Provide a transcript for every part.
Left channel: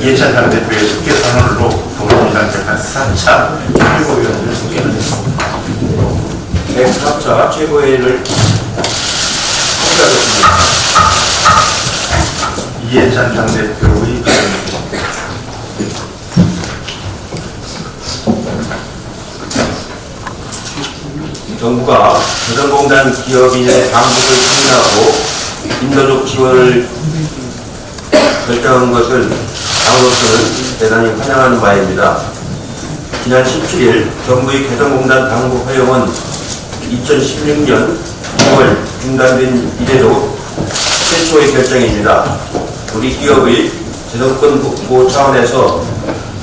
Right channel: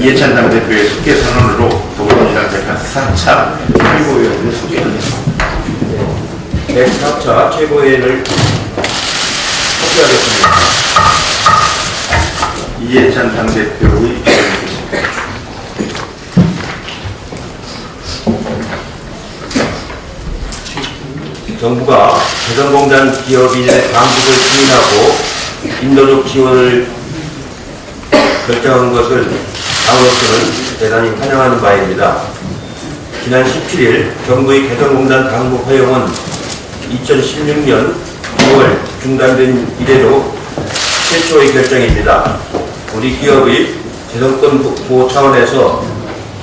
이해찬 당대표의 속개 선언으로 동원이랑 재판 4차 최고위원을 소개하겠습니다. 104차 최고위원을 소개하겠습니다. 이해찬 당대표의 발언입니다. 정부가 개성공단 기업인의 방북을 승인하고 인도적 지원을 결정한 것을 당으로서는 대단히 환영하는 바입니다. 지난 17일 정부의 개성공단 방북 허용은 2016년 9월 중단된 이래로 최초의 결정입니다. 우리 기업의 재정권 보호 차원에서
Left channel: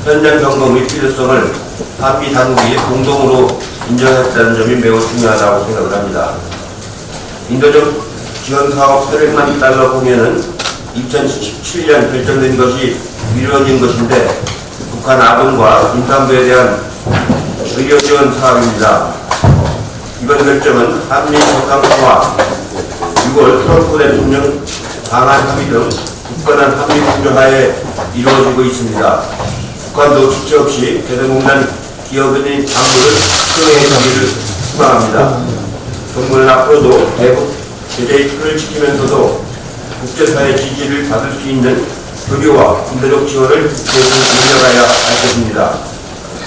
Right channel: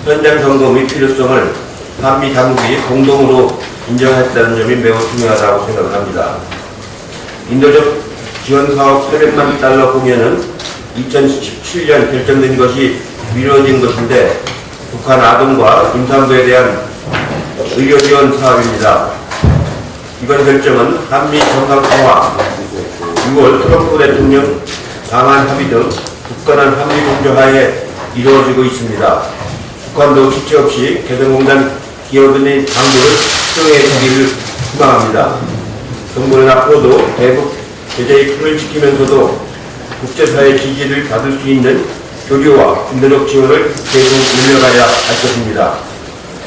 현장 점검의 필요성을 한미 당국이 공동으로 인정했다는 점이 매우 중요하다고 생각을 합니다. 인도적 지원 사업 800만 달러 공연은 2017년 결정된 것이 미뤄진 것인데 북한 아동과 임산부에 대한 의료 지원 사업입니다. 이번 결정은 한미 정상통화, 6월 트럼프 대통령 방한 합의 등 굳건한 한미 공조하에 이루어지고 있습니다. 북한도 지체 없이 개성공단 기업인의 방북을 수용해 주기를 희망합니다. 정부는 앞으로도 대북 제재의 틀을 지키면서도 국제사회 지지를 받을 수 있는 교류와 인도적 지원을 계속 이어가야 할 것입니다.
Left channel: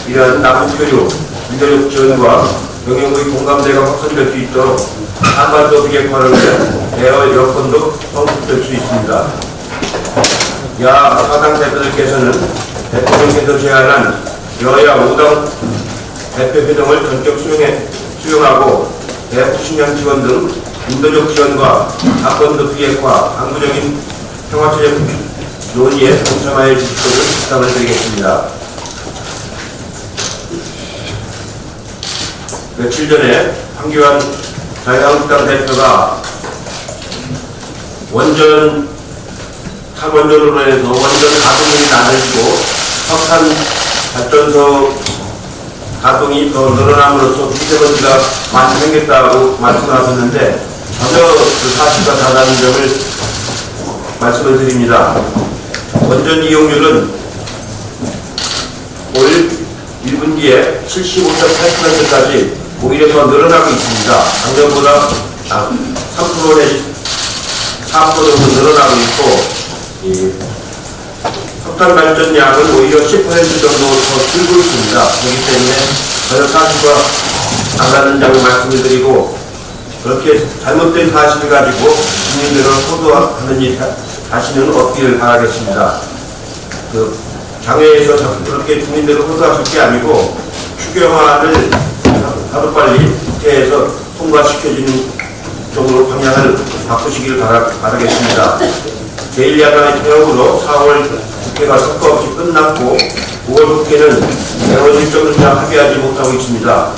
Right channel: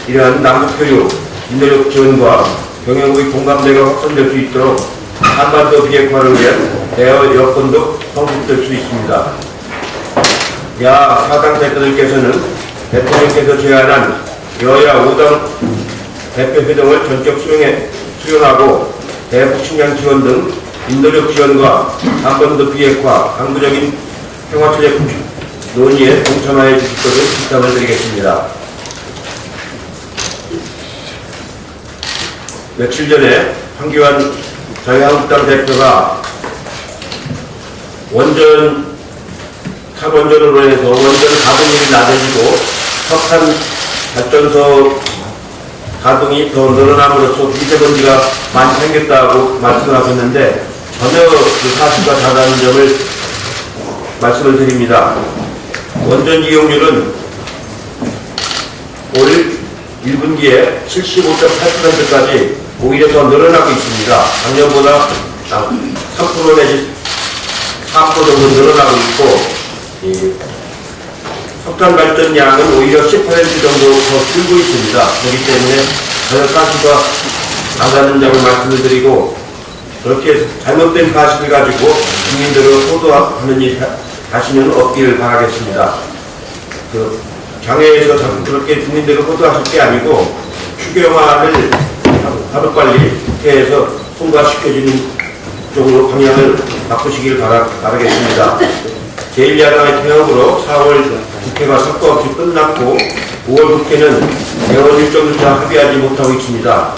이러한 남북교류, 인도적 지원과 경영의 공감대가 확산될 수 있도록 한반도 비핵화를 위한 대화 여건도 성숙될 수 있습니다. 야 사당 대표들께서는 대통령께서 제안한 여야 5당 대표 회동을 전격 수용하고 대북 식량 지원 등 인도적 지원과 한반도 비핵화, 항구적인 평화체제 구축 논의에 동참하여 주실 것을 부탁을 드리겠습니다. 며칠 전에 황교안 자유한국당 대표가 탈원전으로 해서 원전 가동률이 낮아지고 석탄 발전소 가동이 더 늘어남으로써 미세먼지가 많이 생겼다고 말씀하셨는데 전혀 그 사실과 다르다는 점을 말씀을 드립니다. 원전 이용률은 올 1분기에 75.8%까지 오히려 더 늘어나고 있습니다. 작년보다 3% 내지 4% 정도 늘어나고 있고 석탄 발전량은 오히려 10% 정도 더 줄고 있습니다. 그렇기 때문에 저녁가스가 나가는 점을 말씀을 드리고 그렇게 잘못된 사실을 가지고 국민들을 호도하는 일 다시는 없기를 바라겠습니다. 장외에서 자꾸 그렇게 국민들을 호도하실 게 아니고 추경안을 하루빨리 국회에서 통과시켜주는 쪽으로 방향을 바꾸시길 바라겠습니다. 제1야당의 통역으로 4월 국회가 성과 없이 끝났고 5월 국회는 대원 일정을 합의하지 못하고 있습니다.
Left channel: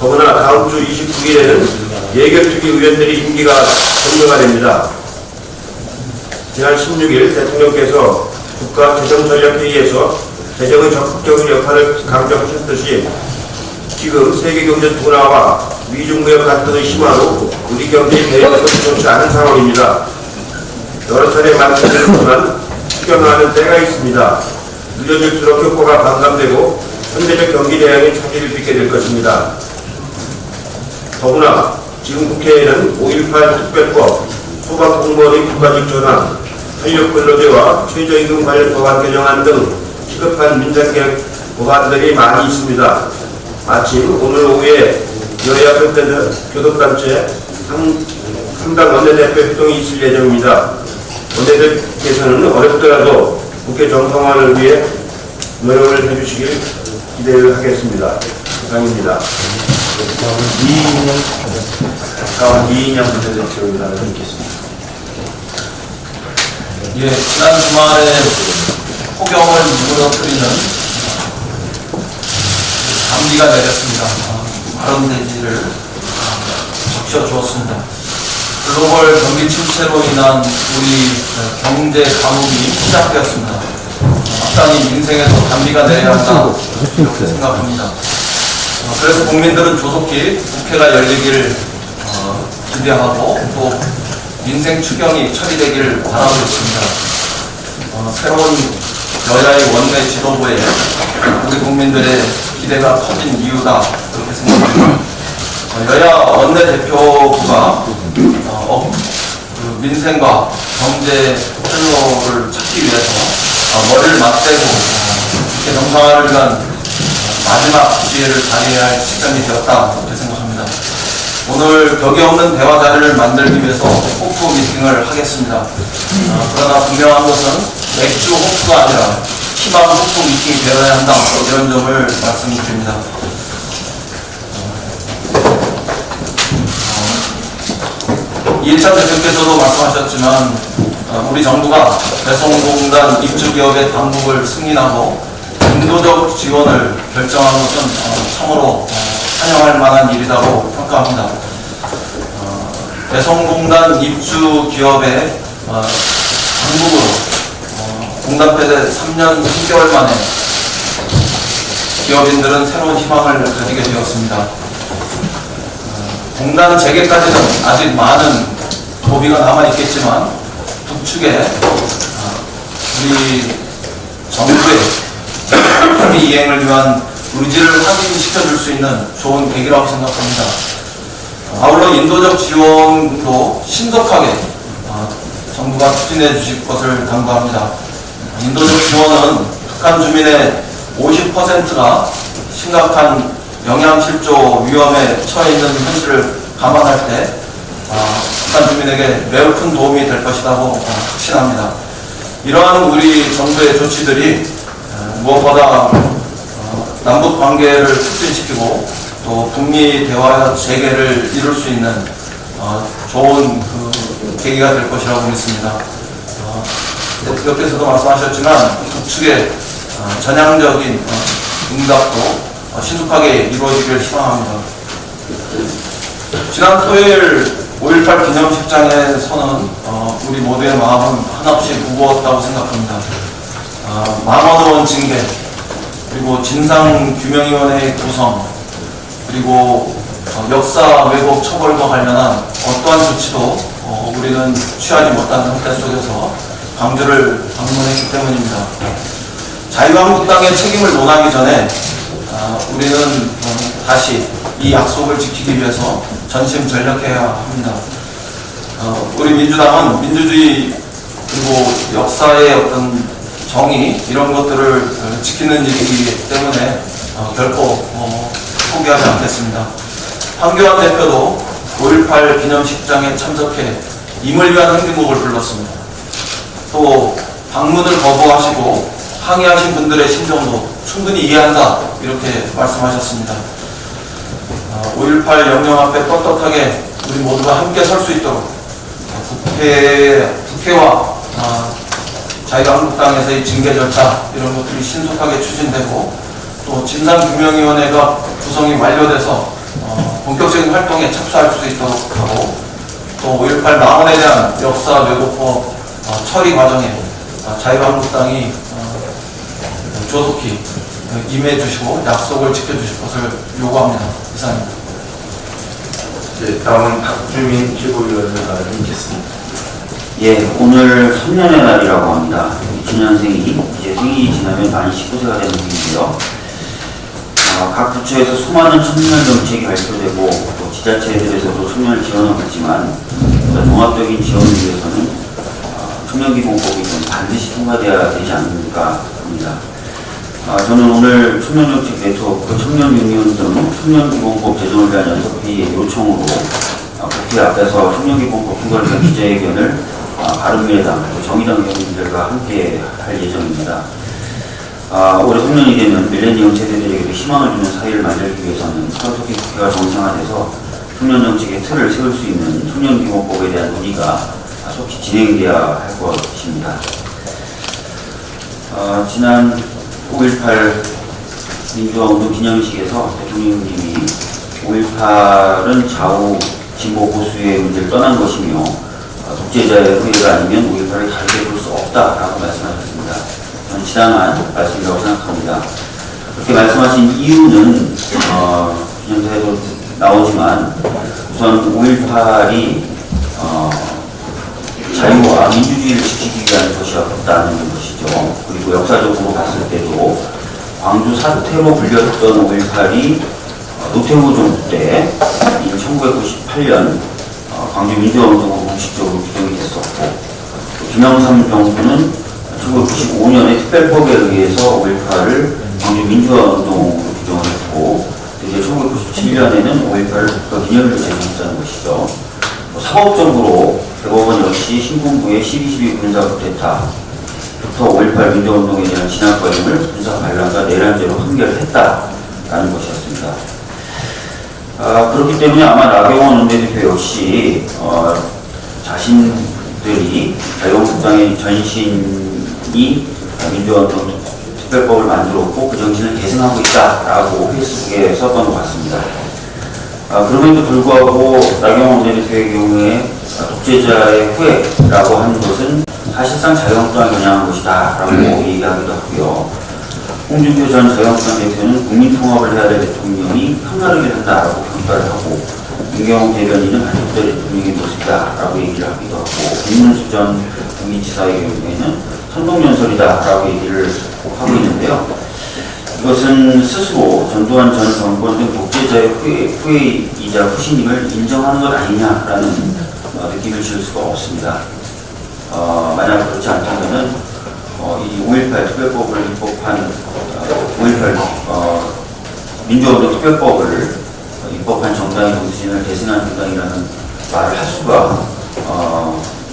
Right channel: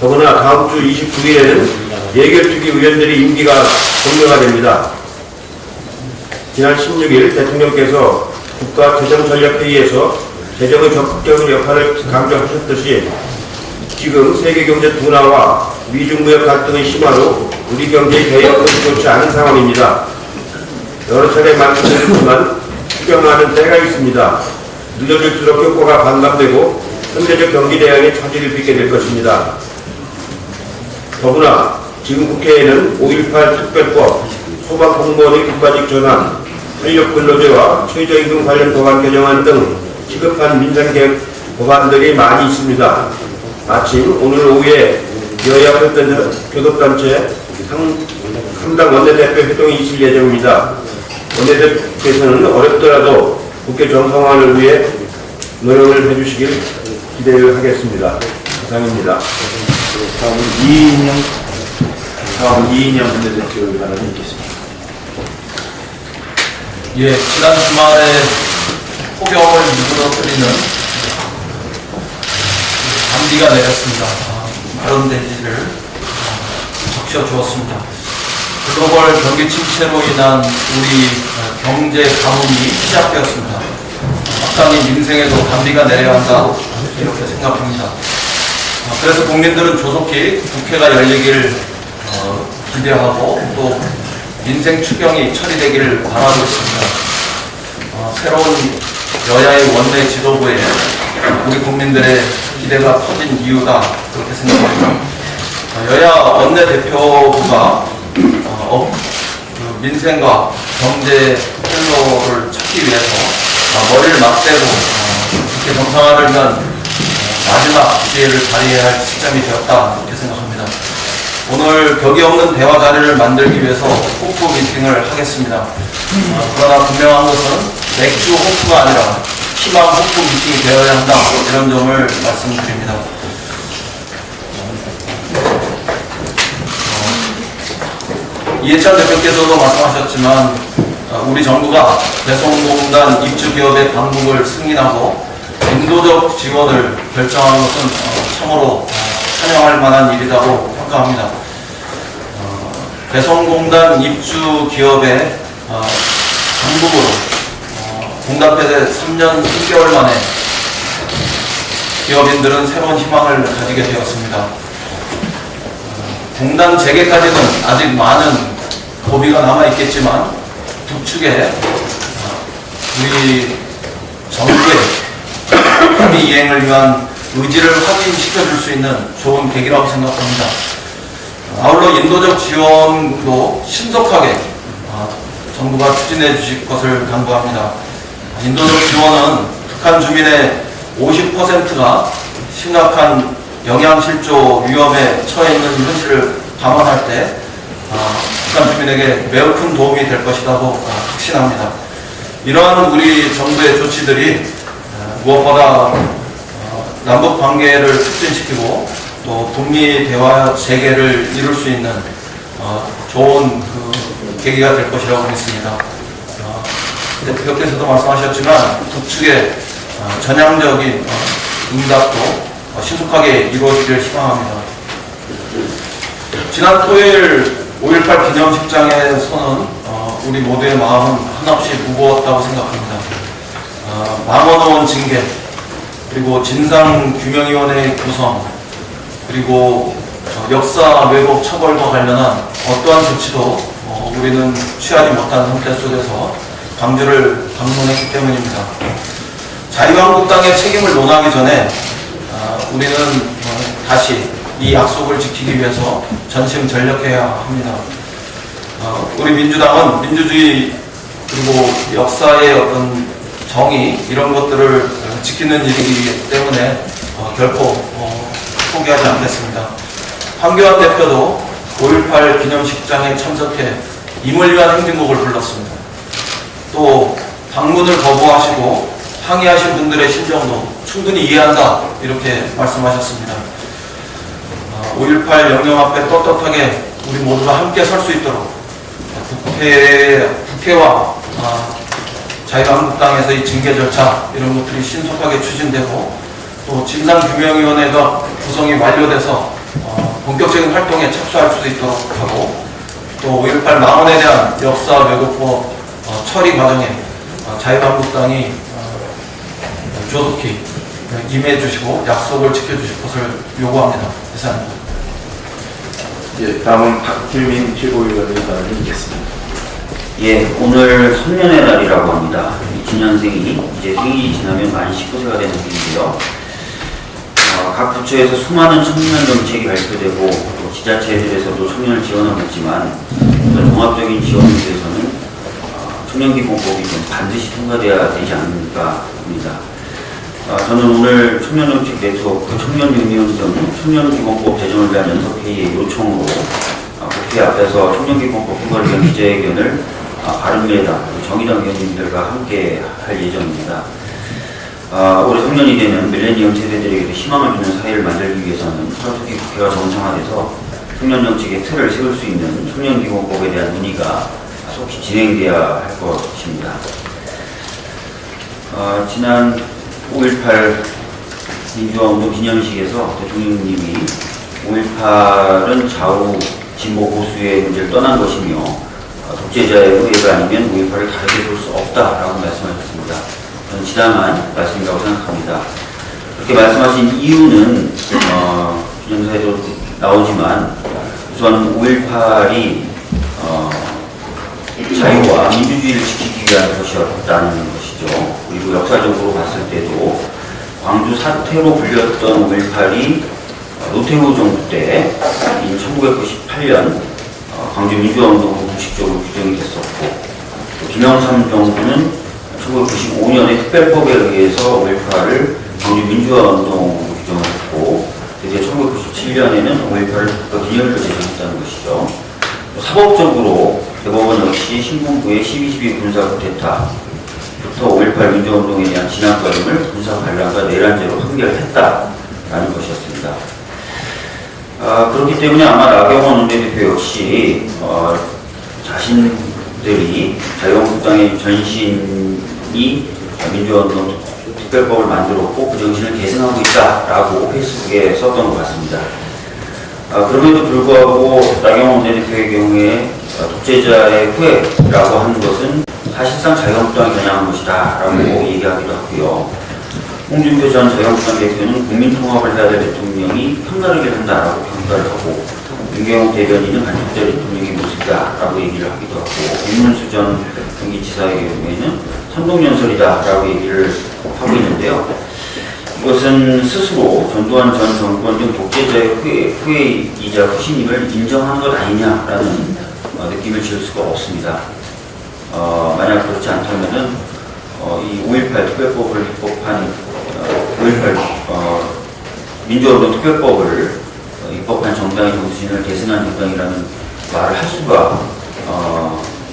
더구나 다음 주 29일에는 예결특위 의원들이 임기가 종료가 됩니다. 지난 16일 대통령께서 국가재정전략회의에서 재정의 적극적인 역할을 강조하셨듯이 지금 세계경제 둔화와 미중무역 갈등의 심화로 우리 경제의 대응은 좋지 않은 상황입니다. 여러 차례 말씀드렸지만 추경하는 때가 있습니다. 늦어질수록 효과가 반감되고 현재적 경기 대응에 차질을 빚게 될 것입니다. 더구나 지금 국회에는 5.18 특별법, 소방공무원의 국가직 전환, 탄력근로제와 최저임금 관련 법안 개정안 등 시급한 민생개혁 법안들이 많이 있습니다. 마침 오늘 오후에 여야 교섭단체 삼당 원내대표 회동이 있을 예정입니다. 원내대표께서는 어렵더라도 국회 정상화를 위해 노력을 해주시길 기대를 하겠습니다. 이상입니다. 다음은 이인영 원내대표 의견을 읽겠습니다. 예, 지난 주말에 폭염을 무너뜨리는 단비가 내렸습니다. 마른 대지를 적셔주었습니다. 글로벌 경기 침체로 인한 우리 경제 가뭄이 시작되었습니다. 막상 이 민생에도 단비가 내려야 한다 이렇게 생각합니다. 그래서 국민들은 조속히 국회가 열리길 기대하고 또 민생 추경이 처리되기를 바라고 있습니다. 새로운 여야의 원내 지도부에 우리 국민들의 기대가 커진 이유가 그렇게 생각합니다. 여야 원내대표부가 그 민생과 경제 헬로를 찾기 위해서 머리를 맞대고 국회 정상화를 위한 마지막 기회를 발휘해야 할 시점이 되었다 이렇게 생각합니다. 오늘 벽이 없는 대화 자리를 만들기 위해서 호프 미팅을 하겠습니다. 그러나 분명한 것은 맥주 호프가 아니라 희망 호프 미팅이 되어야 한다 이런 점을 말씀드립니다. 이해찬 대표께서도 말씀하셨지만 우리 정부가 배송공단 입주기업의 당국을 승인하고 인도적 지원을 결정한 것은 참으로 찬양할 만한 일이라고 평가합니다. 배송공단 입주기업의 당국으로 공단 폐쇄 3년 3개월 만에 기업인들은 새로운 희망을 가지게 되었습니다. 공단 재개까지는 아직 많은 고비가 남아있겠지만 북측에 우리 정부의 협의 이행을 위한 의지를 확인시켜줄 수 있는 좋은 계기라고 생각합니다. 아울러 인도적 지원도 신속하게 정부가 추진해 주실 것을 당부합니다. 인도적 지원은 북한 주민의 50%가 심각한 영양실조 위험에 처해 있는 현실을 감안할 때 북한 주민에게 매우 큰 도움이 될 것이라고 확신합니다. 이러한 우리 정부의 조치들이 무엇보다 남북 관계를 촉진시키고 또 북미 대화 재개를 이룰 수 있는 좋은 계기가 될 것이라고 믿습니다. 대표께서도 말씀하셨지만 북측의 전향적인 응답도 신속하게 이루어지길 희망합니다. 지난 토요일 5.18 기념식장에서는 우리 모두의 마음은 한없이 무거웠다고 생각합니다. 망원의원 징계, 그리고 진상규명위원회의 구성, 그리고 역사 왜곡 처벌과 관련한 어떠한 조치도 우리는 취하지 못한 상태 속에서 광주를 방문했기 때문입니다. 자유한국당의 책임을 논하기 전에 우리는 다시 이 약속을 지키기 위해서 전심전력해야 합니다. 우리 민주당은 민주주의 그리고 역사의 어떤 정의 이런 것들을 지키는 일이기 때문에 결코 포기하지 않겠습니다. 황교안 대표도 5.18 기념식장에 참석해 임을 위한 행진곡을 불렀습니다. 또 방문을 거부하시고 항의하신 분들의 심정도 충분히 이해한다 이렇게 말씀하셨습니다. 5.18 영령 앞에 떳떳하게 우리 모두가 함께 설 수 있도록 국회와 자유한국당에서의 징계 절차 이런 것들이 신속하게 추진되고 또 진상규명위원회가 구성이 완료돼서 본격적인 활동에 착수할 수 있도록 하고 또 5.18 망언에 대한 역사 왜곡법 처리 과정에 자유한국당이 조속히 임해 주시고 약속을 지켜주실 것을 요구합니다. 이상입니다. 예, 다음은 박주민 최고위원의 의견을 읽겠습니다. 예, 오늘 선년의 날이라고 합니다. 기년생이 이제 생일이 지나면 만 19세가 되는 해인데요. 각 부처에서 수많은 청년 정책이 발표되고 또 지자체에서도 청년을 지원하고 있지만 또 종합적인 지원을 위해서는 청년기본법이 좀 반드시 통과되어야 되지 않을까 합니다. 저는 오늘 청년정책 네트워크 청년윤리운동 청년기본법 제정을 위한 연석회의의 요청으로 대표 앞에서 청년기본법 통과를 기자회견을 바른미래당, 정의당 의원님들과 함께 할 예정입니다. 올해 성년이 되면 밀레니엄 세대들에게도 희망을 주는 사회를 만들기 위해서는 하루속히 국회가 정상화돼서 청년 정책의 틀을 세울 수 있는 청년기본법에 대한 논의가 속히 진행돼야 할 것입니다. 지난 5.18 민주화운동 기념식에서 대통령님이 5.18은 좌우 진보 보수의 문제를 떠난 것이며 독재자의 후예가 아니면 5.18을 다르게 볼 수 없다라고 말씀하셨습니다. 저는 지당한 말씀이라고 생각합니다. 그렇게 말씀하신 이유는 기념사에도 나오지만 우선 5.18이 자유와 민주주의를 지키기 위한 것이었다는 것이죠. 그리고 역사적으로 봤을 때도 광주 사태로 불렸던 5.18이 노태우 정부 때인 1998년 광주 민주화운동으로 공식적으로 규정이 됐었고, 김영삼 정부는 1995년에 특별법에 의해서 5.18을 광주 민주화운동으로 규정을 했고, 이제 1997년에는 5.18을 국가기념일로 제정했다는 것이죠. 사법적으로 대법원 역시 신군부의 12.12 군사 쿠데타부터 5.18 민주화운동에 대한 진압 과정을 군사 반란과 내란죄로 판결했다라는 것이었습니다. 그렇기 때문에 아마 나경원 원내대표 역시 자신들이 자유한국당의 전신이 민주화운동 특별법을 만들었고 그 정신을 계승하고 있다라고 페이스북에 썼던 것 같습니다. 그럼에도 불구하고 나경원 원내대표의 경우에 독재자의 후예라고 하는 것은 사실상 자유한국당이 겨냥한 것이다라고 얘기하기도 하고요. 홍준표 전 자유한국당 대표는 국민통합을 해야 될 대통령이 편가르기를 한다라고 평가를 하고, 윤경호 대변인은 반쪽짜리 대통령의 모습이다라고 얘기를 하기도 하고, 김문수 전 경기지사의 경우에는 선동연설이다라고 얘기를 하고 있는데요. 이것은 스스로 전두환 전 정권 등 독재자의 후예이자 후신임을 인정하는 것 아니냐라는 느낌을 지을 수가 없습니다. 만약 그렇지 않다면은 이 5.18 특별법을 입법한 5.18 민주화운동 특별법을 입법한 정당의 정신을 계승한 정당이라는 말을 할 수가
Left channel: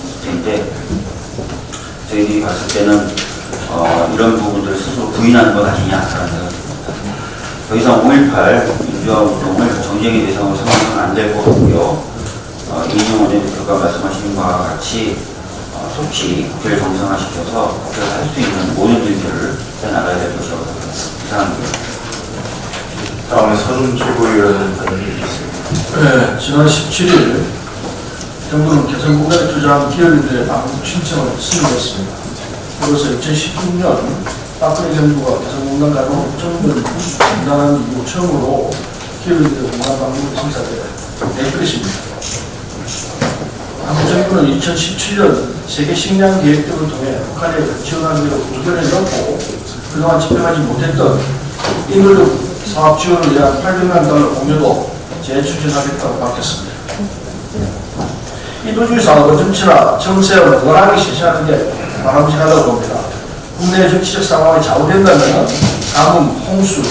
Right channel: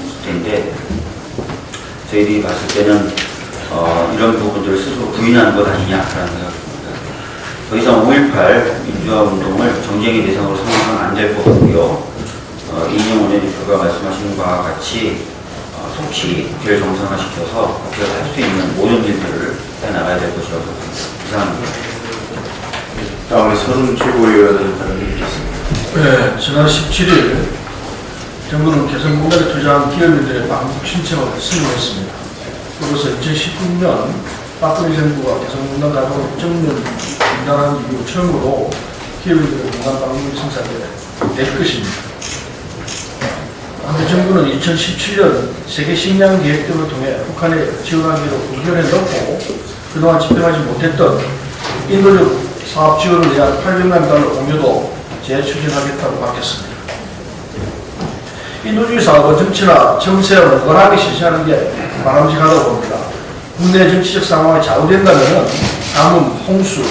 있을 텐데, 저희들이 봤을 때는 이런 부분들을 스스로 부인하는 것 아니냐라는 생각이 듭니다. 더 이상 5.18 민주화운동을 정쟁의 대상으로 삼아서는 안 될 것 같고요. 이인영 원내대표가 말씀하신 바와 같이 속히 국회를 정상화시켜서 국회가 할 수 있는 모든 일들을 해나가야 될 것이라고 생각합니다. 이상입니다. 다음에 서른 최고위원은 하는 일이 있습니다. 네, 지난 17일 정부는 개성공단에 투자한 기업인들의 방북 신청을 승인했습니다. 그래서 2016년 박근혜 정부가 개성공단 가지고 정년 중단한 이후 처음으로 기업인들의 공단 방북을 심사될 것입니다. 한국 정부는 2017년 세계 식량 계획 등을 통해 북한에 지원하기로 의견을 넣고 그동안 집행하지 못했던 인도적 사업 지원을 위한 800만 달러 공유도 재추진하겠다고 밝혔습니다. 인도주의 사업은 정치나 정세와 무관하게 실시하는 게 바람직하다고 봅니다. 국내 정치적 상황이 좌우된다면 가뭄, 홍수,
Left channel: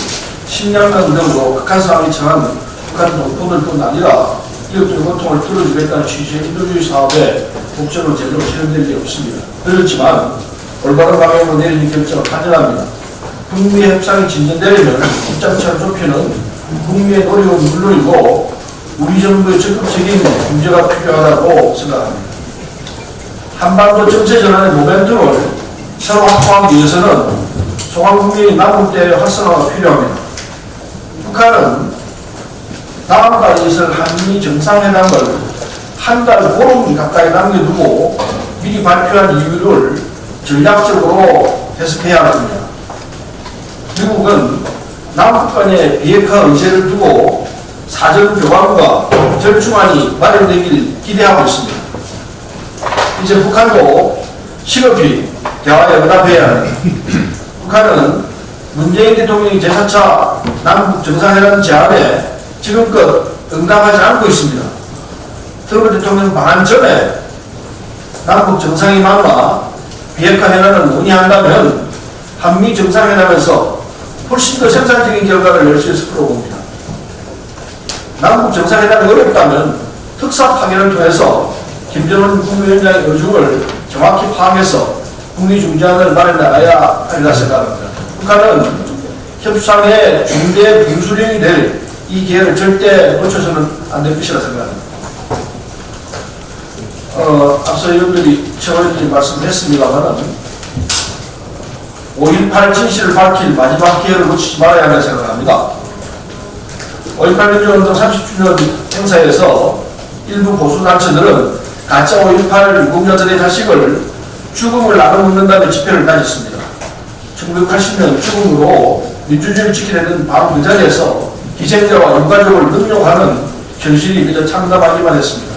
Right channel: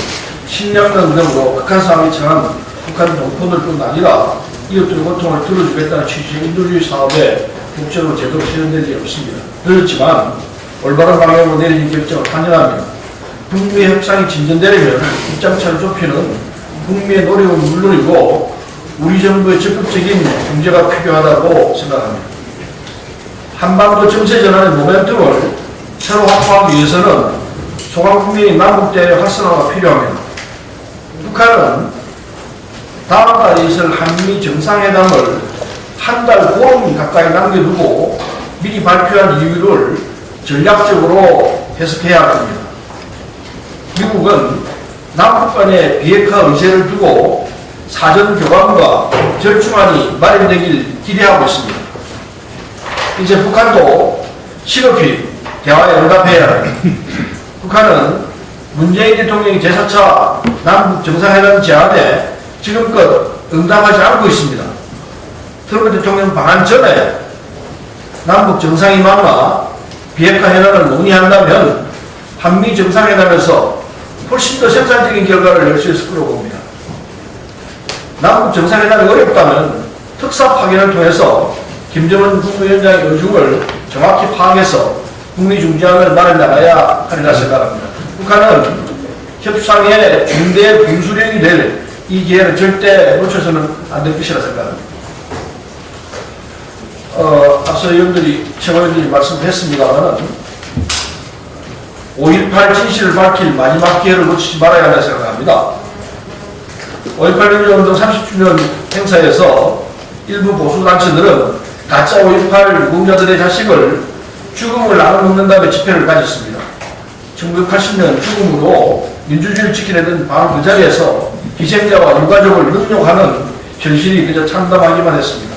식량난 등으로 극한 상황에 처한 북한 농촌들뿐 아니라 이웃들의 고통을 들어주겠다는 취지의 인도주의 사업에 국적으로 제대로 실현된 게 없습니다. 그렇지만 올바른 방향으로 내리는 결정을 환영합니다. 북미 협상이 진전되려면 입장차를 좁히는 북미의 노력은 물론이고 우리 정부의 적극적인 중재가 필요하다고 생각합니다. 한반도 정세 전환의 모멘텀을 새로 확보하기 위해서는 소강국민이 남북대의 활성화가 필요합니다. 북한은 다음 달에 있을 한미 정상회담을 한 달 보름 가까이 남겨두고 미리 발표한 이유를 전략적으로 해석해야 합니다. 미국은 남북 간의 비핵화 의제를 두고 사전 교감과 절충안이 마련되길 기대하고 있습니다. 이제 북한도 시급히 대화에 응답해야 합니다. 북한은 문재인 대통령이 제4차 남북 정상회담 제안에 지금껏 응답하지 않고 있습니다. 트럼프 대통령 방한 전에 남북 정상회담이나 비핵화 회담을 논의한다면 한미 정상회담에서 훨씬 더 생산적인 결과를 낼 수 있을 거라고 봅니다. 남북 정상회담이 어렵다면 특사 파견을 통해서 김정은 국무위원장의 의중을 정확히 파악해서 국리 중재안을 마련나가야 하리라 생각합니다. 북한은 협상의 중대 분수령이 될 이 기회를 절대 놓쳐서는 안 될 것이라 생각합니다. 앞서 의원들이, 최고위원들이 말씀했습니다만 5.18 진실을 밝힐 마지막 기회를 놓치지 말아야 한다 생각합니다. 5.18 민주운동 30주년 행사에서 일부 보수단체들은 가짜 5.18 유공자들의 자식을 죽음을 나눠먹는다는 집회를 가졌습니다. 1980년 죽음으로 민주주의를 지키려던 바로 그 자리에서 희생자와 유가족을 능욕하는 현실이 그저 참담하기만 했습니다.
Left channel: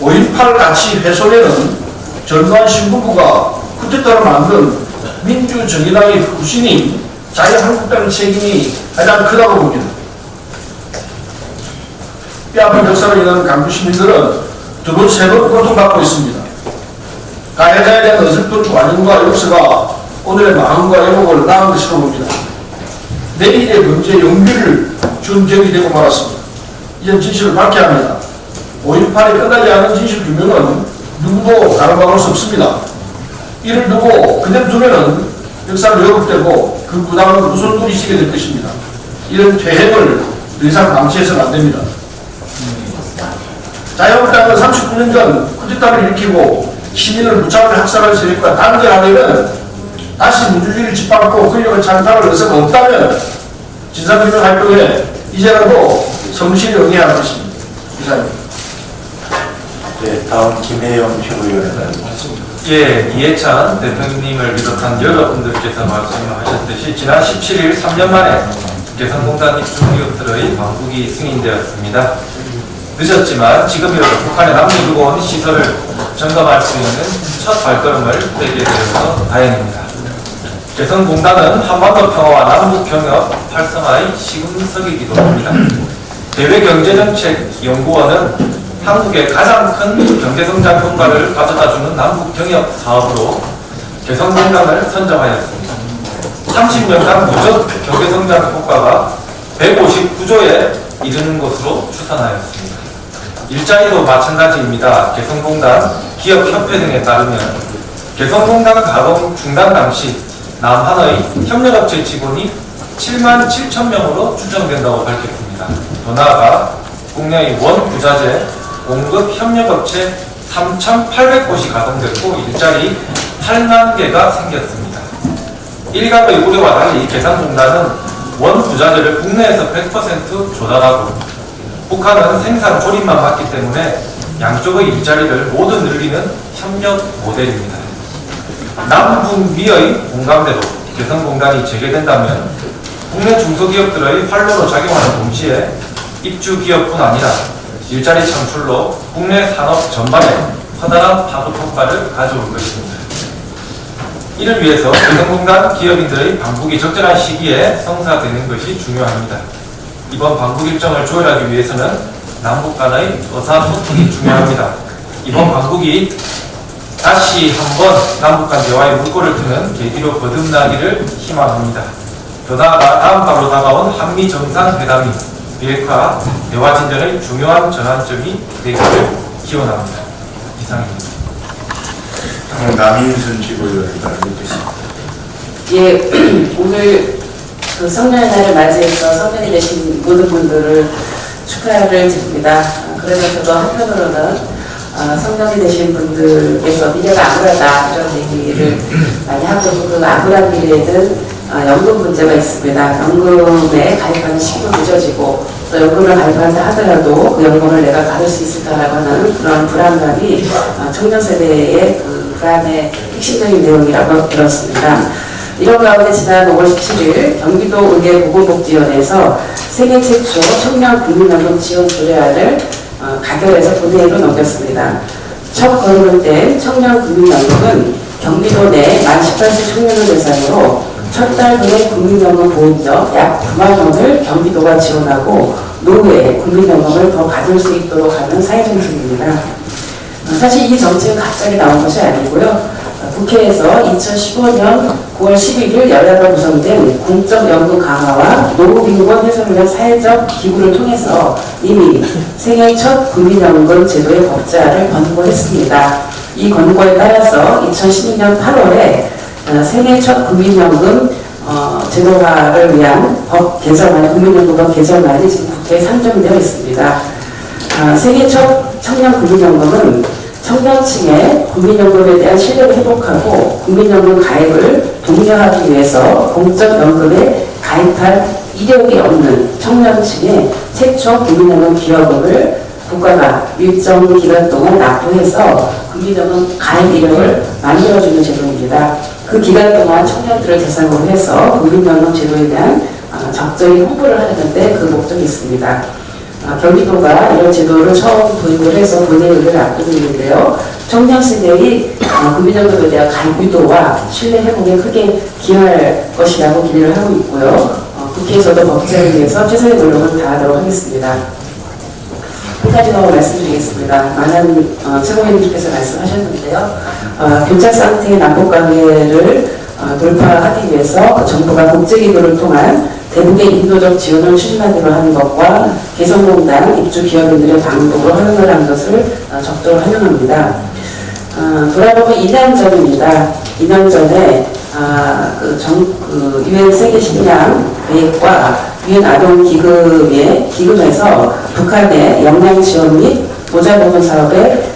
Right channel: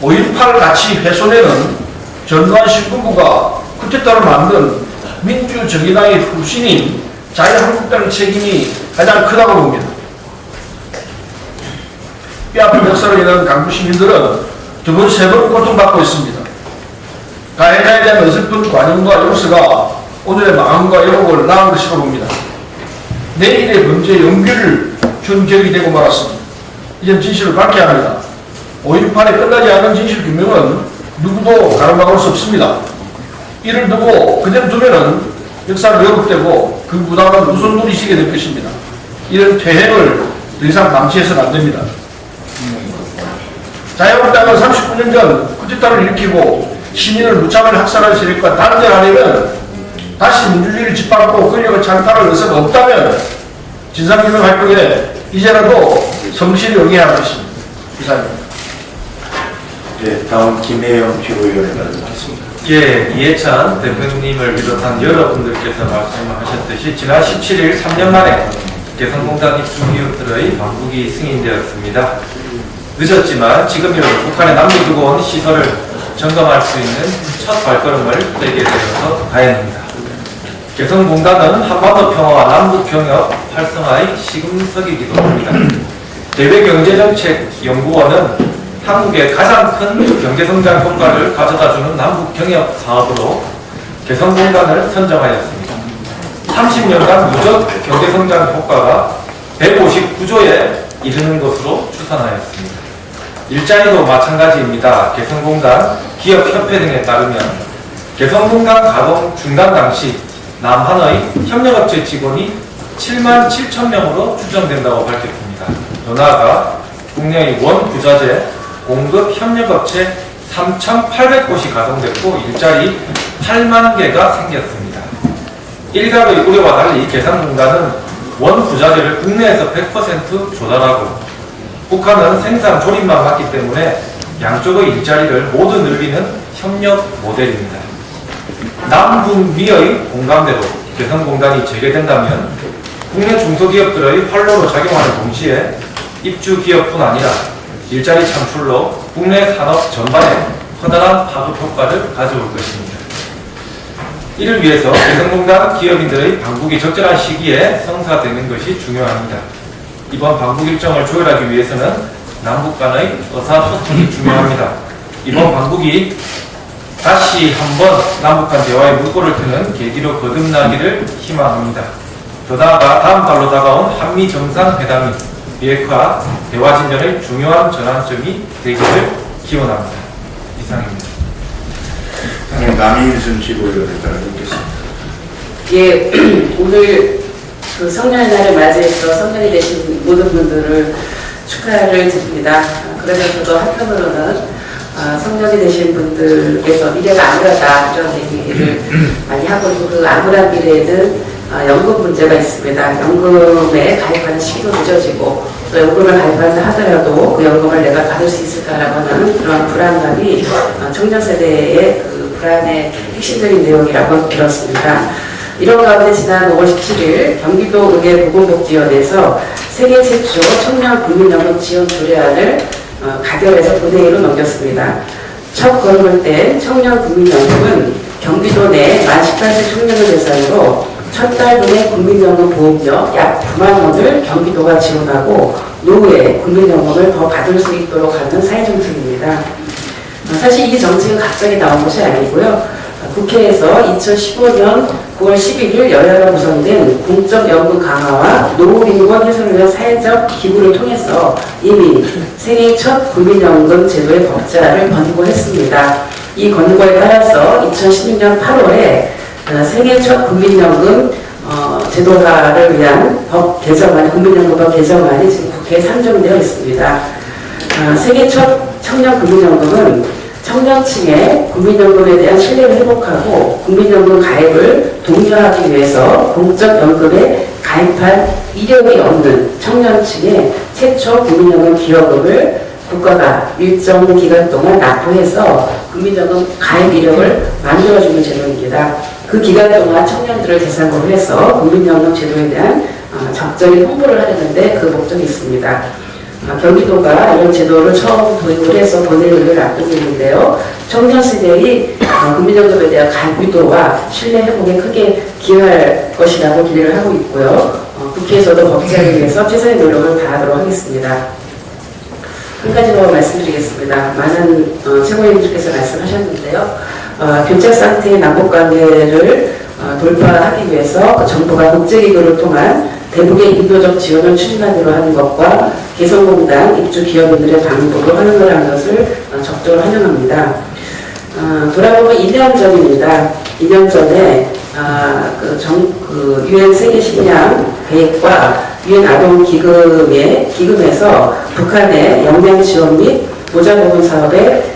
5.18 가치 훼손에는 전두환 신군부가 쿠데타를 만든 민주정의당의 흡신인 자유한국당의 책임이 가장 크다고 봅니다. 뼈아픈 역사로 인한 강주 시민들은 두 번, 세 번 고통받고 있습니다. 가해자에 대한 어설픈 관용과 욕설가 오늘의 마음과 여복을 낳은 것이라고 봅니다. 내일의 범죄 용기를 준 격이 되고 말았습니다. 이제 진실을 밝혀야 합니다. 5.18에 끝나지 않은 진실 규명은 누구도 가로막을 수 없습니다. 이를 두고 그대로 두면은 역사를 왜곡되고 그 부담은 우선돌이 시게 될 것입니다. 이런 퇴행을 더 이상 방치해서는 안 됩니다. 자유한국당은 39년 전 쿠데타를 일으키고 시민을 무차별 학살할 세력과 단절하려면 다시 민주주의를 짓밟고 권력을 찬탈할 의사가 없다면 진상규명 활동에 이제라도 성실히 응해야 할 것입니다. 이상입니다. 네, 다음 김혜영 최고위원은 예, 이해찬 대표님을 비롯한 여러분들께서 말씀하셨듯이 지난 17일 3년 만에 개성공단 입주 기업들의 반국이 승인되었습니다. 늦었지만 지금이라도 북한에 남겨두고 온 시설을 점검할 수 있는 첫 발걸음을 떼게 되어서 다행입니다. 개성공단은 한반도 평화와 남북 경협 활성화의 시금석이기도 합니다. 대외경제정책연구원은 한국의 가장 큰 경제성장 효과를 가져다주는 남북 경협 사업으로 개성공단을 선정하였습니다. 30년간 누적 경제성장 효과가 159조에 이르는 것으로 추산하였습니다. 일자리도 마찬가지입니다. 개성공단 기업협회 등에 따르면 개성공단 가동 중단 당시 남한의 협력업체 직원이 7만 7천 명으로 추정된다고 밝혔습니다. 더 나아가 국내의 원부자재 공급 협력업체 3,800곳이 가동됐고 일자리 8만 개가 생겼습니다. 일각의 우려와 달리 개성공단은 원부자재를 국내에서 100% 조달하고 북한은 생산 조립만 맡기 때문에 양쪽의 일자리를 모두 늘리는 협력 모델입니다. 남북미의 공감대로 개성공단이 재개된다면 국내 중소기업들의 활로로 작용하는 동시에 입주기업뿐 아니라 일자리 창출로 국내 산업 전반에 커다란 파급 효과를 가져올 것입니다. 이를 위해서 개성공단 기업인들의 방북이 적절한 시기에 성사되는 것이 중요합니다. 이번 방북 일정을 조율하기 위해서는 남북 간의 의사소통이 중요합니다. 이번 방북이 다시 한번 남북 간 대화의 물꼬를 트는 계기로 거듭나기를 희망합니다. 더 나아가 다음 달로 다가온 한미 정상회담이 비핵화 대화 진전의 중요한 전환점이 되기를 기원합니다. 이상입니다. 남인순 최고위원에 따라 듣겠습니다. 예, 오늘 그 성년의 날을 맞이해서 성년이 되신 모든 분들을 축하를 드립니다. 그래서 저도 한편으로는 성년이 되신 분들께서 미래가 암울하다 이런 얘기를 많이 하고 있고 그 암울한 미래에는 연금 문제가 있습니다. 연금에 가입하는 시기도 늦어지고 또 연금을 가입한다 하더라도 그 연금을 내가 받을 수 있을까라고 하는 그런 불안감이 청년 세대의 그 불안의 핵심적인 내용이라고 들었습니다. 이런 가운데 지난 5월 17일 경기도 의회보건복지위원회에서 세계 최초 청년 국민연금 지원 조례안을 가결해서 본회의로 넘겼습니다. 첫 거론을 뗀 청년 국민연금은 경기도 내 만 18세 청년을 대상으로 첫 달 분의 국민연금 보험료 약 9만 원을 경기도가 지원하고 노후에 국민연금을 더 받을 수 있도록 하는 사회정책입니다. 사실 이 정책은 갑자기 나온 것이 아니고요. 국회에서 2015년 9월 11일 여야가 구성된 공적연금 강화와 노후빈곤 해소를 위한 사회적 기구를 통해서 이미 생애 첫 국민연금 제도의 법제화를 권고했습니다. 이 권고에 따라서 2016년 8월에 생애 첫 국민연금 제도화를 위한 법 개정안이 국민연금법 개정안이 지금 국회에 상정되어 있습니다. 생애 첫 청년 국민연금은 청년층의 국민연금에 대한 신뢰를 회복하고 국민연금 가입을 독려하기 위해서 공적연금에 가입할 이력이 없는 청년층의 최초 국민연금 기여금을 국가가 일정 기간 동안 납부해서 국민연금 가입 이력을 만들어주는 제도입니다. 그 기간 동안 청년들을 대상으로 해서 국민연금 제도에 대한 적절히 홍보를 하려는데 그 목적이 있습니다. 경기도가 이런 제도를 처음 도입을 해서 본회의를 앞두고 있는데요. 청년 세대의 국민연금에 대한 가입 유도와 신뢰 회복에 크게 기여할 것이라고 기대를 하고 있고요. 국회에서도 법제화를 위해서 최선의 노력을 다하도록 하겠습니다. 한 가지 더 말씀드리겠습니다. 많은 최고위원님께서 말씀하셨는데요. 교착 상태의 남북관계를 돌파하기 위해서 정부가 국제기구를 통한 대북의 인도적 지원을 추진하기로 하는 것과 개성공단 입주 기업인들의 방북을 허용을 한 것을 적극적으로 환영합니다. 돌아보면 2년 전입니다. 2년 전에 유엔 세계 식량 계획과 유엔 아동 기금에서 북한의 역량 지원 및 보자 보건 사업에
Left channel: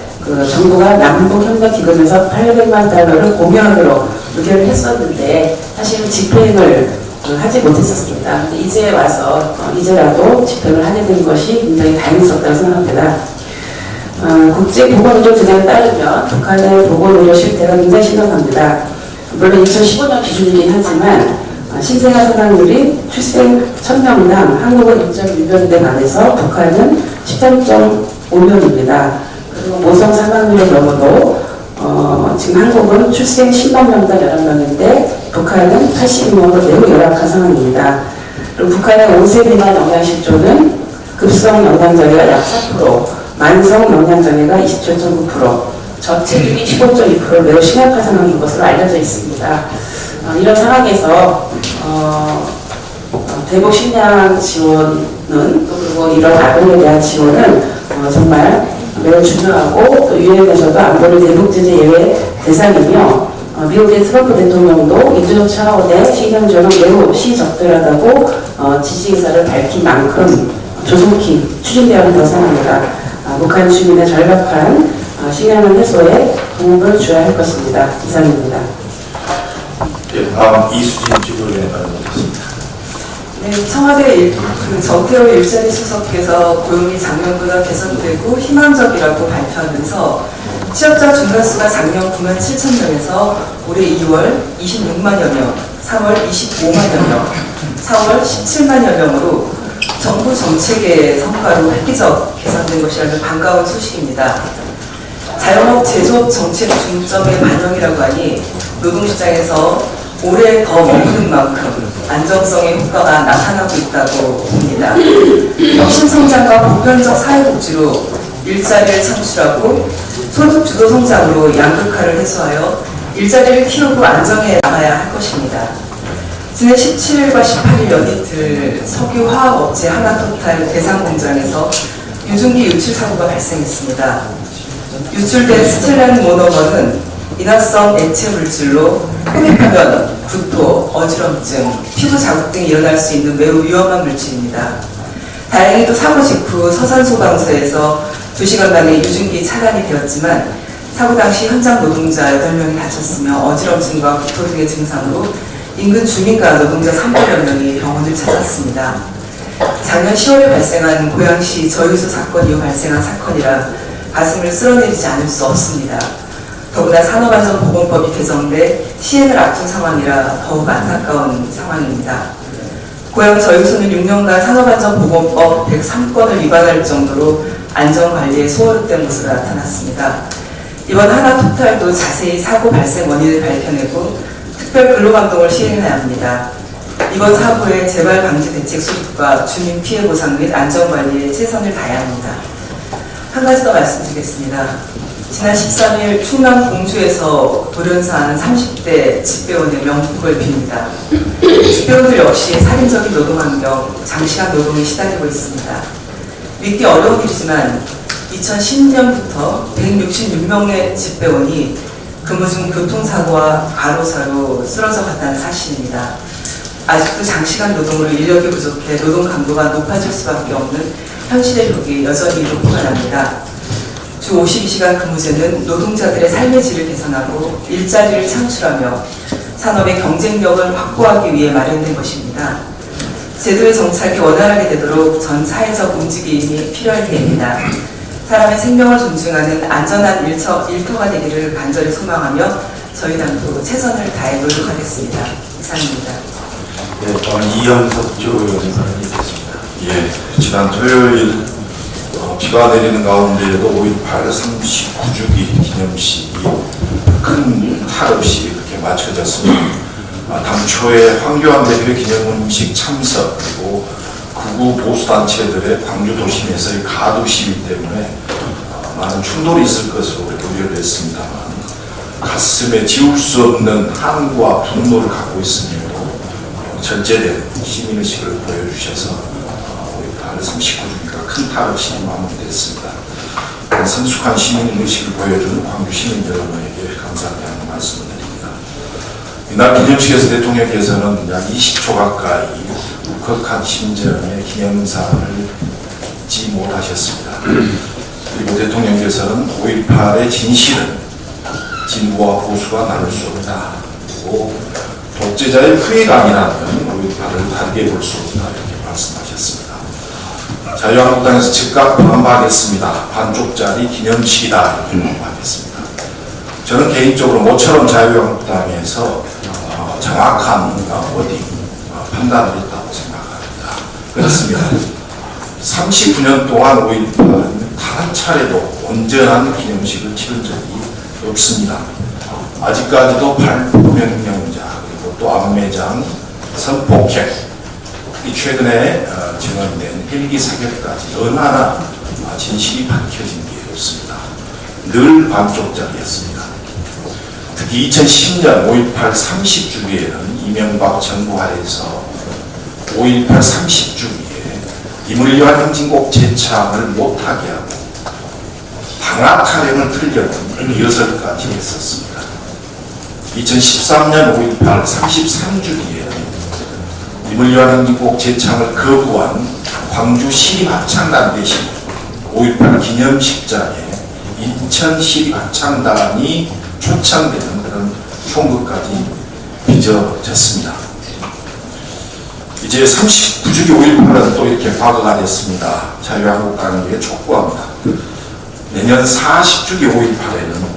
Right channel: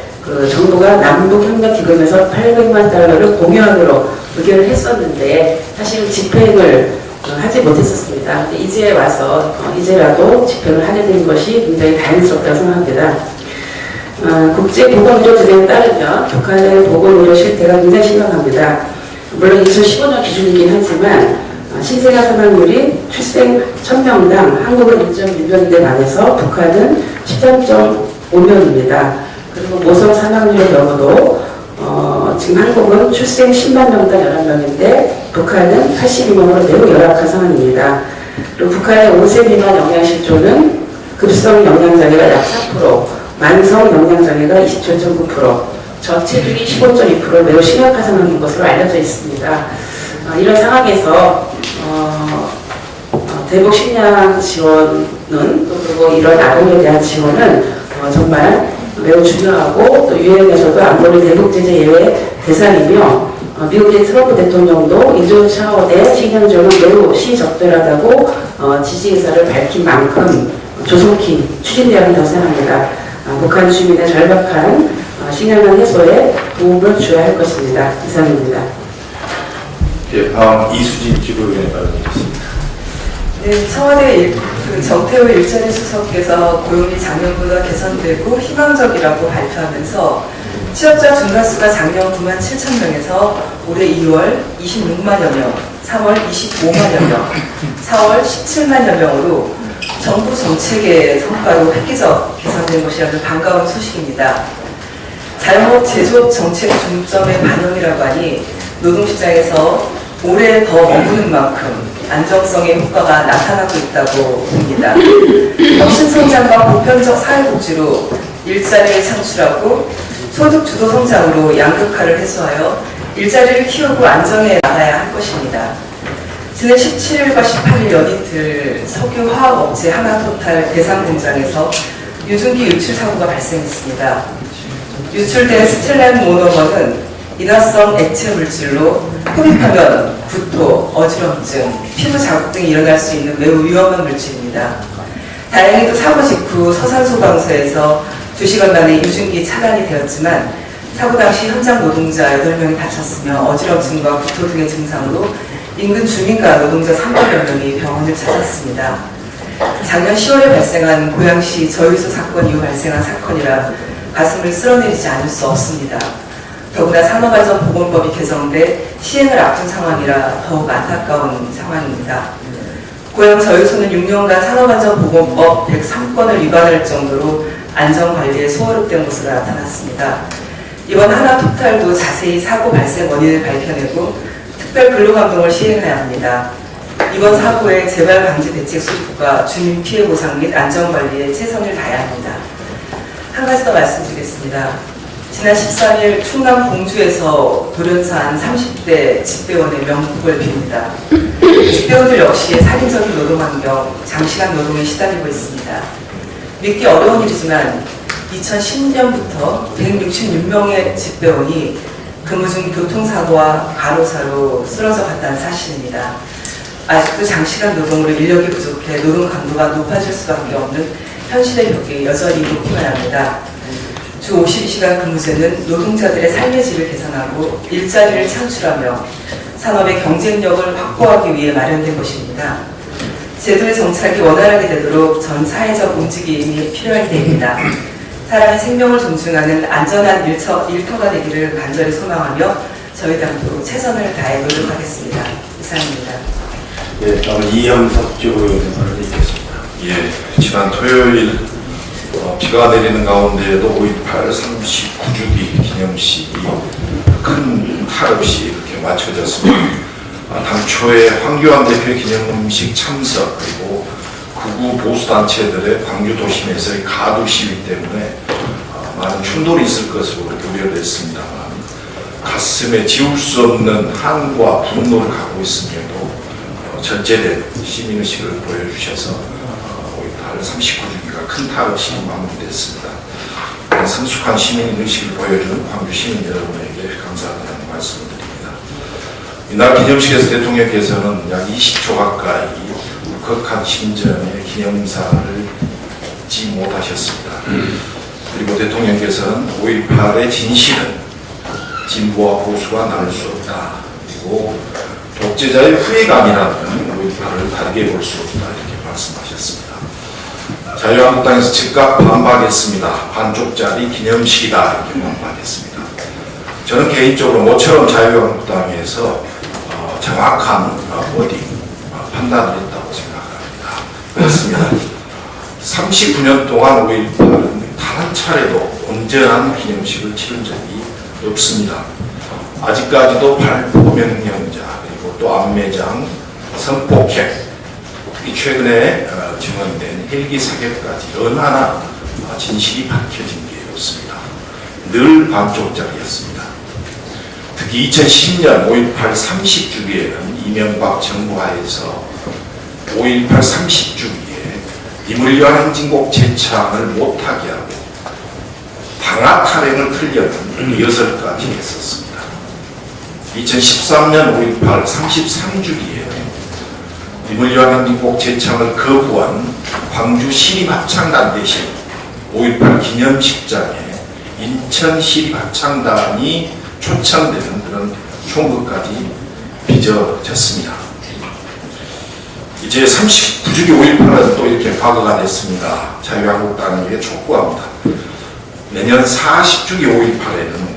정부가 남북 협력 기금에서 800만 달러를 공유하기로 의결을 했었는데 사실 집행을 하지 못했었습니다. 근데 이제 와서 이제라도 집행을 하게 된 것이 굉장히 다행스럽다고 생각합니다. 국제보건의료 기준에 따르면 북한의 보건의료 실태가 굉장히 심각합니다. 물론 2015년 기준이긴 하지만 신생아 사망률이 출생 1000명당 한국은 1.6명대 반해서 북한은 13.5명입니다. 그리고 모성 사망률의 경우도 지금 한국은 출생 10만 명당 11명인데 북한은 82명으로 매우 열악한 상황입니다. 그리고 북한의 5세 미만 영양실조는 급성 영양장애가 약 4%, 만성 영양장애가 27.9%, 저체중이 15.2% 매우 심각한 상황인 것으로 알려져 있습니다. 이런 상황에서 대북 식량 지원은 그리고 이런 아동에 대한 지원은 정말 매우 중요하고 또 유엔에서도 안보리 대북 제재 예외 대상이며 미국의 트럼프 대통령도 인도적 차원의 식량 지원은 매우 시적절하다고 지지 의사를 밝힌 만큼 조속히 추진되어야 한다고 생각합니다. 북한 주민의 절박한 식량난 해소에 도움을 줘야 할 것입니다. 이상입니다. 예, 다음 이수진 지도위원회 발언하겠습니다. 네, 청와대 정태호 일자리 수석께서 고용이 작년보다 개선되고 희망적이라고 발표하면서 취업자 중간수가 작년 9만 7천 명에서 올해 2월 26만여 명, 3월 25만여 명, 4월 17만여 명으로 정부 정책의 성과로 획기적 개선된 것이라는 반가운 소식입니다. 자영업 제조업 정책 중점의 반영이라고 하니 노동시장에서 올해 더 머무는 만큼 안정성의 효과가 나타나고 있다고 봅니다. 혁신성장과 보편적 사회복지로 일자리를 창출하고 소득 주도 성장으로 양극화를 해소하여 일자리를 키우고 안정해 나가야 할 것입니다. 지난 17일과 18일 연이틀 석유화학업체 하나토탈 대상공장에서 유증기 유출 사고가 발생했습니다. 유출된 스틸렌 모노머는 인화성 액체 물질로 흡입하면 구토, 어지럼증, 피부 자국 등이 일어날 수 있는 매우 위험한 물질입니다. 다행히도 사고 직후 서산소방서에서 2시간 만에 유증기 차단이 되었지만 사고 당시 현장 노동자 8명이 다쳤으며 어지럼증과 구토 등의 증상으로 인근 주민과 노동자 300여 명이 병원을 찾았습니다. 작년 10월에 발생한 고양시 저유수 사건 이후 발생한 사건이라 가슴을 쓸어내리지 않을 수 없습니다. 더구나 산업안전보건법이 개정돼 시행을 앞둔 상황이라 더욱 안타까운 상황입니다. 고양 저유소는 6년간 산업안전보건법 103건을 위반할 정도로 안전관리에 소홀했던 것으로 나타났습니다. 이번 하나토탈도 자세히 사고 발생 원인을 밝혀내고 특별 근로감독을 시행해야 합니다. 이번 사고의 재발 방지 대책 수립과 주민 피해 보상 및 안전관리에 최선을 다해야 합니다. 한 가지 더 말씀드리겠습니다. 지난 13일 충남 공주에서 돌연사한 30대 집배원의 명복을 빕니다. 집배원들 역시 살인적인 노동환경, 장시간 노동에 시달리고 있습니다. 믿기 어려운 일이지만 2010년부터 166명의 집배원이 근무 중 교통사고와 과로사로 쓰러져 갔다는 사실입니다. 아직도 장시간 노동으로 인력이 부족해 노동 강도가 높아질 수밖에 없는 현실의 벽이 여전히 높기만 합니다. 주 52시간 근무제는 노동자들의 삶의 질을 개선하고 일자리를 창출하며 산업의 경쟁력을 확보하기 위해 마련된 것입니다. 제도의 정착이 원활하게 되도록 전 사회적 움직임이 필요할 때입니다. 사람의 생명을 존중하는 안전한 일터가 되기를 간절히 소망하며 저희 당도 최선을 다해 노력하겠습니다. 이상입니다. 예, 저는 이현석 주의원을 읽겠습니다. 예, 지난 토요일 비가 내리는 가운데에도 5.18 39주기 기념식이 큰 탈 없이 이렇게 마쳐졌습니다. 당초에 황교안 대표 기념식 참석 그리고 극우 보수단체들의 광주 도심에서의 가두 시위 때문에 많은 충돌이 있을 것으로 그렇게 우려됐습니다만 가슴에 지울 수 없는 한과 분노를 갖고 있음에도 절제된 시민의식을 보여주셔서 5.18 39주기가 큰 탈 없이 마무리됐습니다. 성숙한 시민의식을 보여준 광주 시민 여러분에게 감사하다는 말씀을 드립니다. 이날 기념식에서 대통령께서는 약 20초 가까이 울컥한 심정의 기념사를 잊지 못하셨습니다. 그리고 대통령께서는 5.18의 진실은 진보와 보수가 나눌 수 없다. 그리고 독재자의 후회감이라는 5.18을 다르게 볼 수 없다. 이렇게 말씀하셨습니다. 자유한국당에서 즉각 반박했습니다. 반쪽짜리 기념식이다. 이렇게 반박했습니다. 저는 개인적으로 모처럼 자유한국당에서 정확한 판단을 했다고 생각합니다. 그렇습니다. 39년 동안 5.18은 단 한 차례도 온전한 기념식을 치른 적이 없습니다. 아직까지도 발포명령자 그리고 또 안매장, 성폭행, 이 최근에 증언된 헬기 사격까지 얼마나 진실이 밝혀진 게 없습니다. 늘 반쪽짜리였습니다. 특히 2010년 5.18 30주기에는 이명박 정부 하에서 5.18 30주기에 임을위한 행진곡 재창을 못하게 하고 방학 타령을 틀려는 리허설까지 했었습니다. 2013년 5.18 33주기에는 임을위한 행진곡 재창을 거부한 광주 시립합창단 대신 5.18 기념식장에 인천 시립합창단이 초청되는 그런 총극까지 빚어졌습니다. 이제 39주기 5.18은 또 이렇게 과거가 됐습니다. 자유한국당에게 촉구합니다. 내년 40주기 5.18에는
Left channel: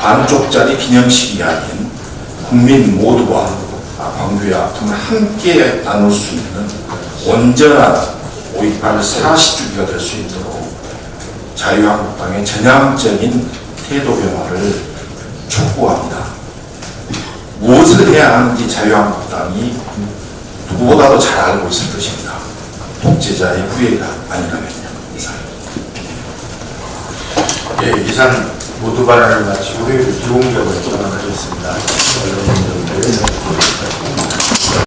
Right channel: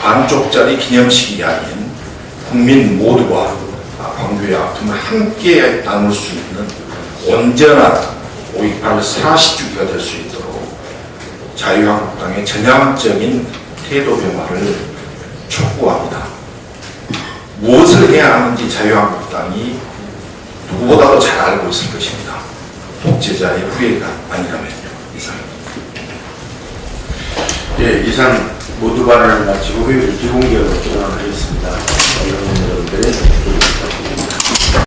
반쪽짜리 기념식이 아닌 국민 모두가 광주의 아픔을 함께 나눌 수 있는 온전한 5.18 40주기가 될 수 있도록 자유한국당의 전향적인 태도 변화를 촉구합니다. 무엇을 해야 하는지 자유한국당이 누구보다도 잘 알고 있을 것입니다. 독재자의 후회가 아니라면요. 이상입니다. 예, 이상 모두 발언을 마치고 회의를 비공개하고 종합하겠습니다. 언론인들의